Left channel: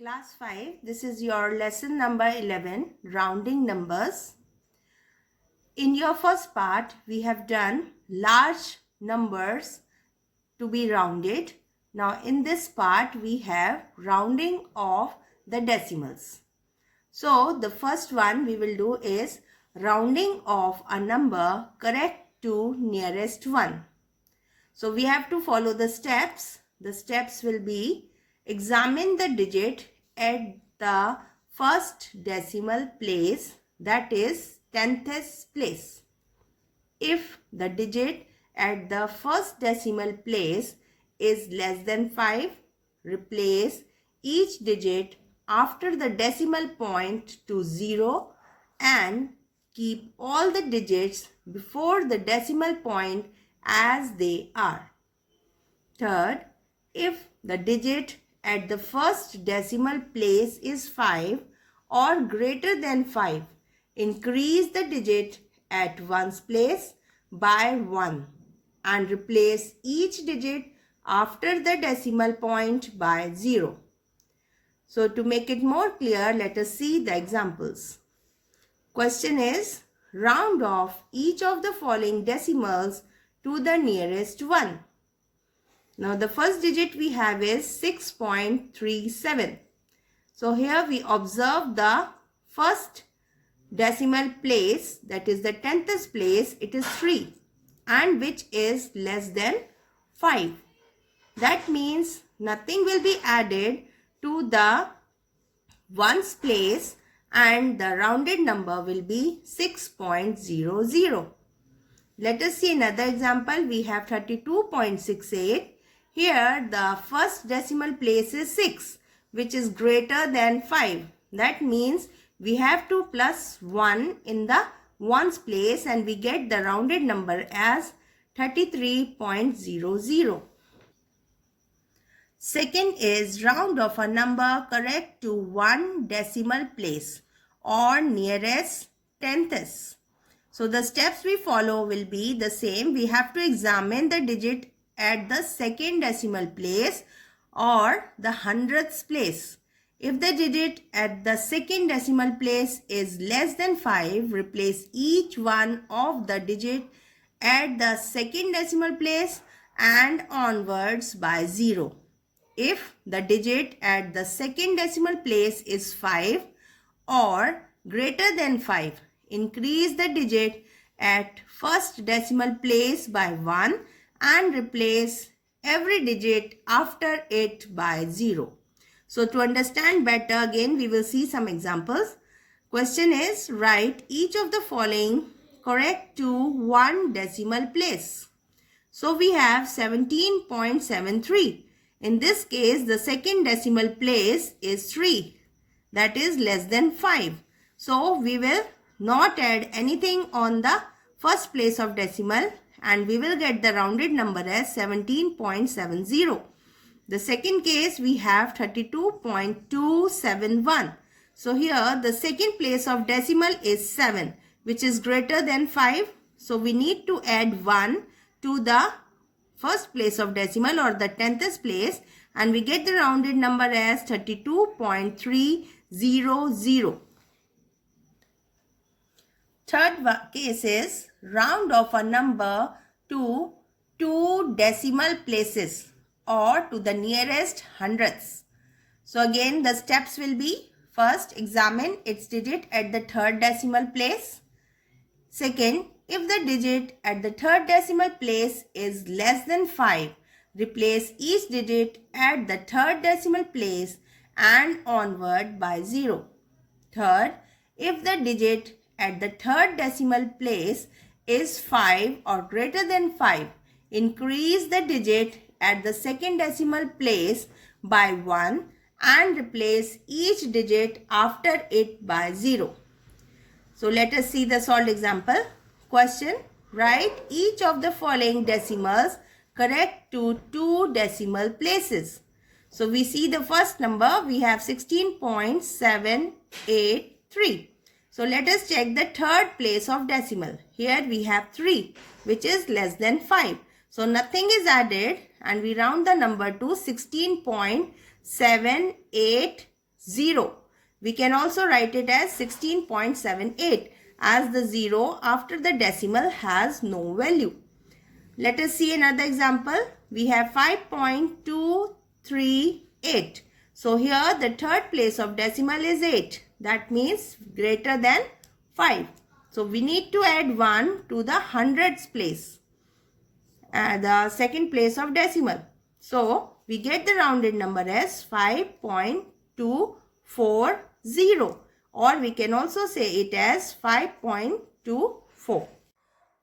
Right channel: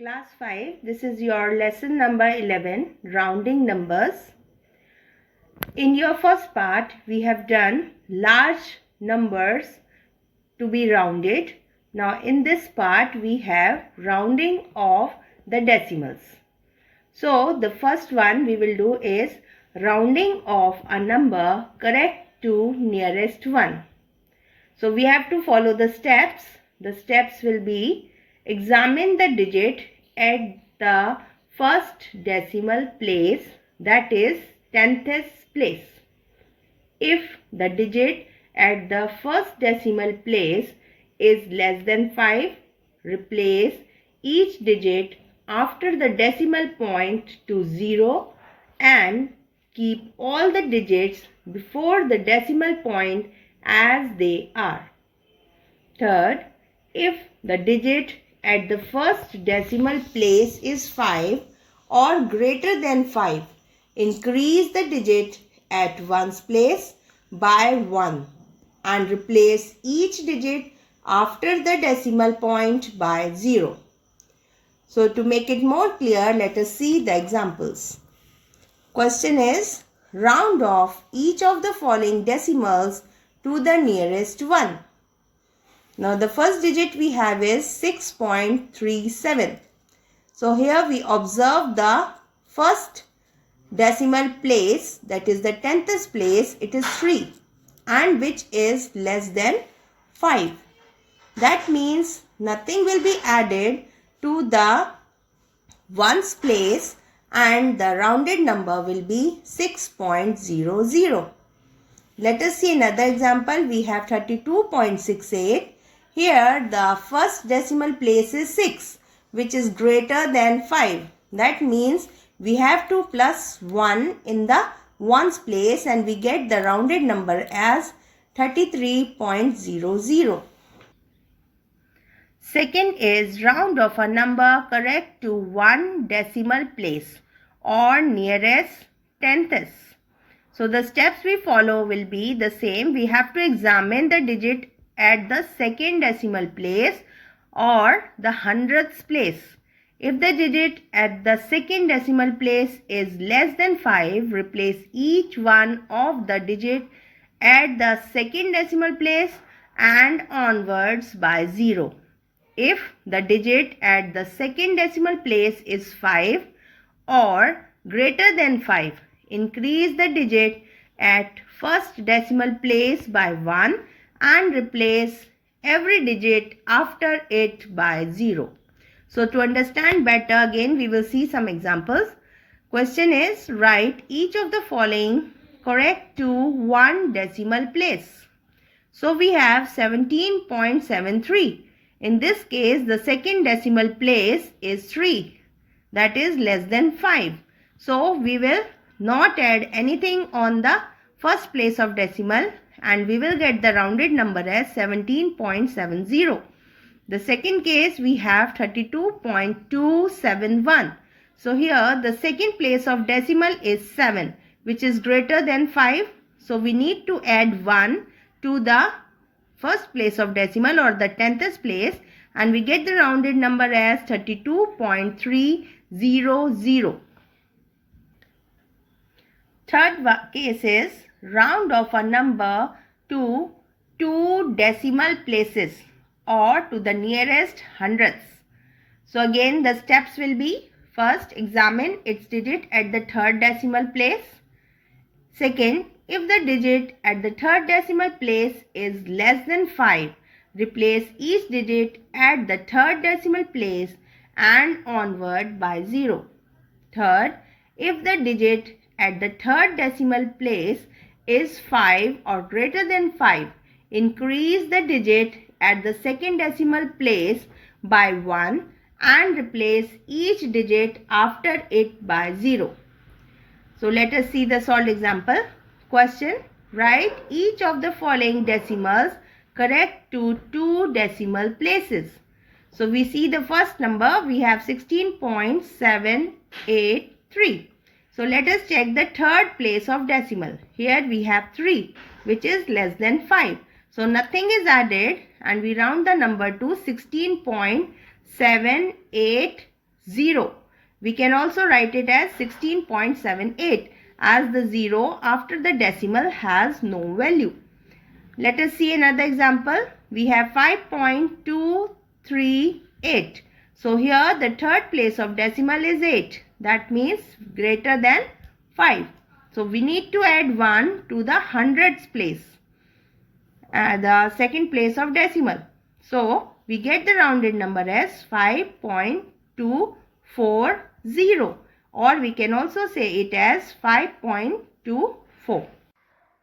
Class 5, this is your lesson number 11, rounding numbers. In your first part, we have done large numbers to be rounded. Now in this part, we have rounding of the decimals. So the first one we will do is rounding of a number correct to nearest one. So we have to follow the steps. The steps will be: examine the digit at the first decimal place, that is 10th place. If the digit at the first decimal place is less than 5, replace each digit after the decimal point to 0 and keep all the digits before the decimal point as they are. Third, if the digit at the first decimal place is 5 or greater than 5, increase the digit at ones place by 1 and replace each digit after the decimal point by 0. So to make it more clear, let us see the examples. Question is, round off each of the following decimals to the nearest one. Now the first digit we have is 6.37. So here we observe the first decimal place, that is the 10th place, it is 3 and which is less than 5. That means nothing will be added to the ones place and the rounded number will be 6.00. Let us see another example. We have 32.68. Here the first decimal place is 6, which is greater than 5. That means we have to plus 1 in the ones place and we get the rounded number as 33.00. Second is round off a number correct to one decimal place or nearest 10th. So the steps we follow will be the same. We have to examine the digit at the second decimal place or the 100th place. If the digit at the second decimal place is less than 5, replace each one of the digit at the second decimal place and onwards by 0. If the digit at the second decimal place is 5 or greater than 5, increase the digit at first decimal place by 1 and replace every digit after it by 0. So to understand better, again we will see some examples. Question is, write each of the following correct to one decimal place. So we have 17.73. In this case, the second decimal place is 3, that is less than 5. So we will not add anything on the first place of decimal and we will get the rounded number as 17.70. The second case we have 32.271. So here the second place of decimal is 7, which is greater than 5. So we need to add 1 to the first place of decimal or the 10th place and we get the rounded number as 32.300. Third case is round off a number to two decimal places or to the nearest hundredths. So again the steps will be: first, examine its digit at the third decimal place. Second, if the digit at the third decimal place is less than 5, replace each digit at the third decimal place and onward by 0. Third, if the digit at the third decimal place is 5 or greater than 5, increase the digit at the second decimal place by 1 and replace each digit after it by 0. So let us see the solved example. Question, write each of the following decimals correct to two decimal places. So we see the first number, we have 16.783. So let us check the third place of decimal. Here we have 3, which is less than 5. So nothing is added and we round the number to 16.783. 0. We can also write it as 16.78 as the 0 after the decimal has no value. Let us see another example. We have 5.238. So here the third place of decimal is 8. That means greater than 5. So we need to add 1 to the hundreds place, the second place of decimal. So we get the rounded number as 5.240, or we can also say it as 5.24.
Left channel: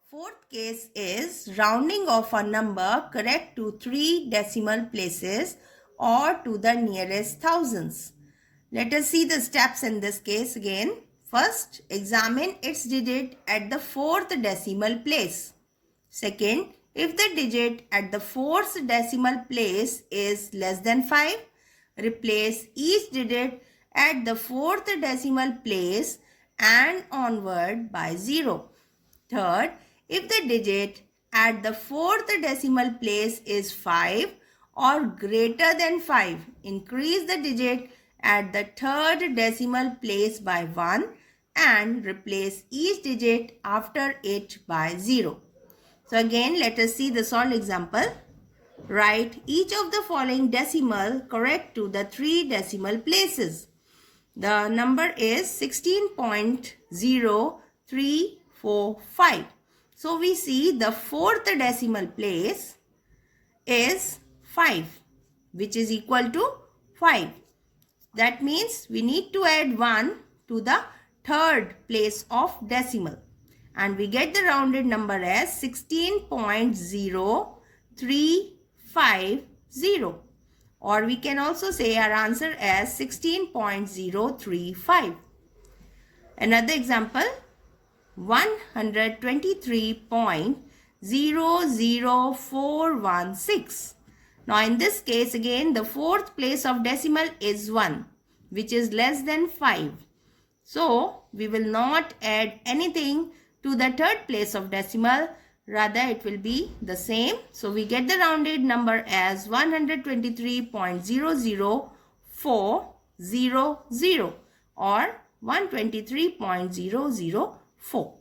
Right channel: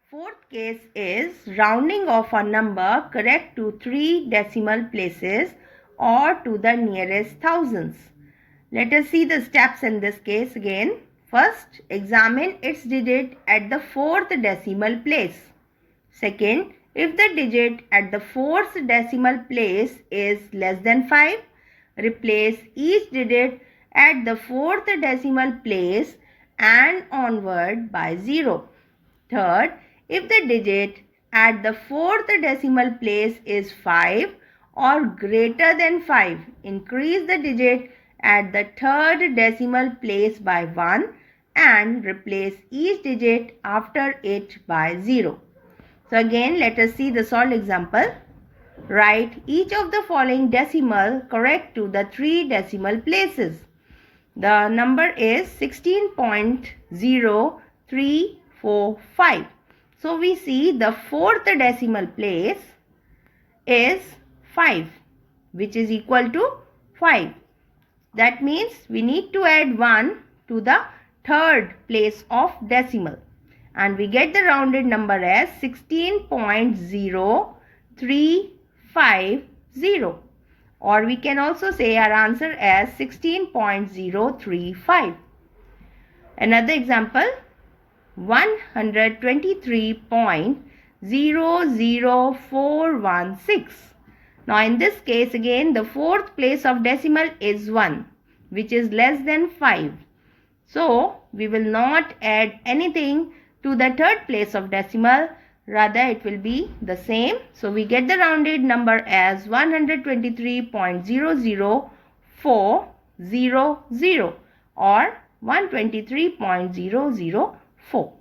Fourth case is rounding of a number correct to 3 decimal places or to the nearest thousands. Let us see the steps in this case again. First, examine its digit at the 4th decimal place. Second, if the digit at the 4th decimal place is less than 5, replace each digit at the 4th decimal place and onward by 0. Third, if the digit at the 4th decimal place is 5 or greater than 5, increase the digit at the 3rd decimal place by 1 and replace each digit after it by 0. So again, let us see the solved example. Write each of the following decimal correct to the 3 decimal places. The number is 16.0345. So we see the 4th decimal place is 5, which is equal to 5. That means we need to add 1 to the 3rd place of decimal. And we get the rounded number as 16.0350. Or we can also say our answer as 16.035. Another example, 123.00416. Now in this case again the 4th place of decimal is 1, which is less than 5. So we will not add anything to the 3rd place of decimal, rather it will be the same. So we get the rounded number as 123.00400 or 123.004.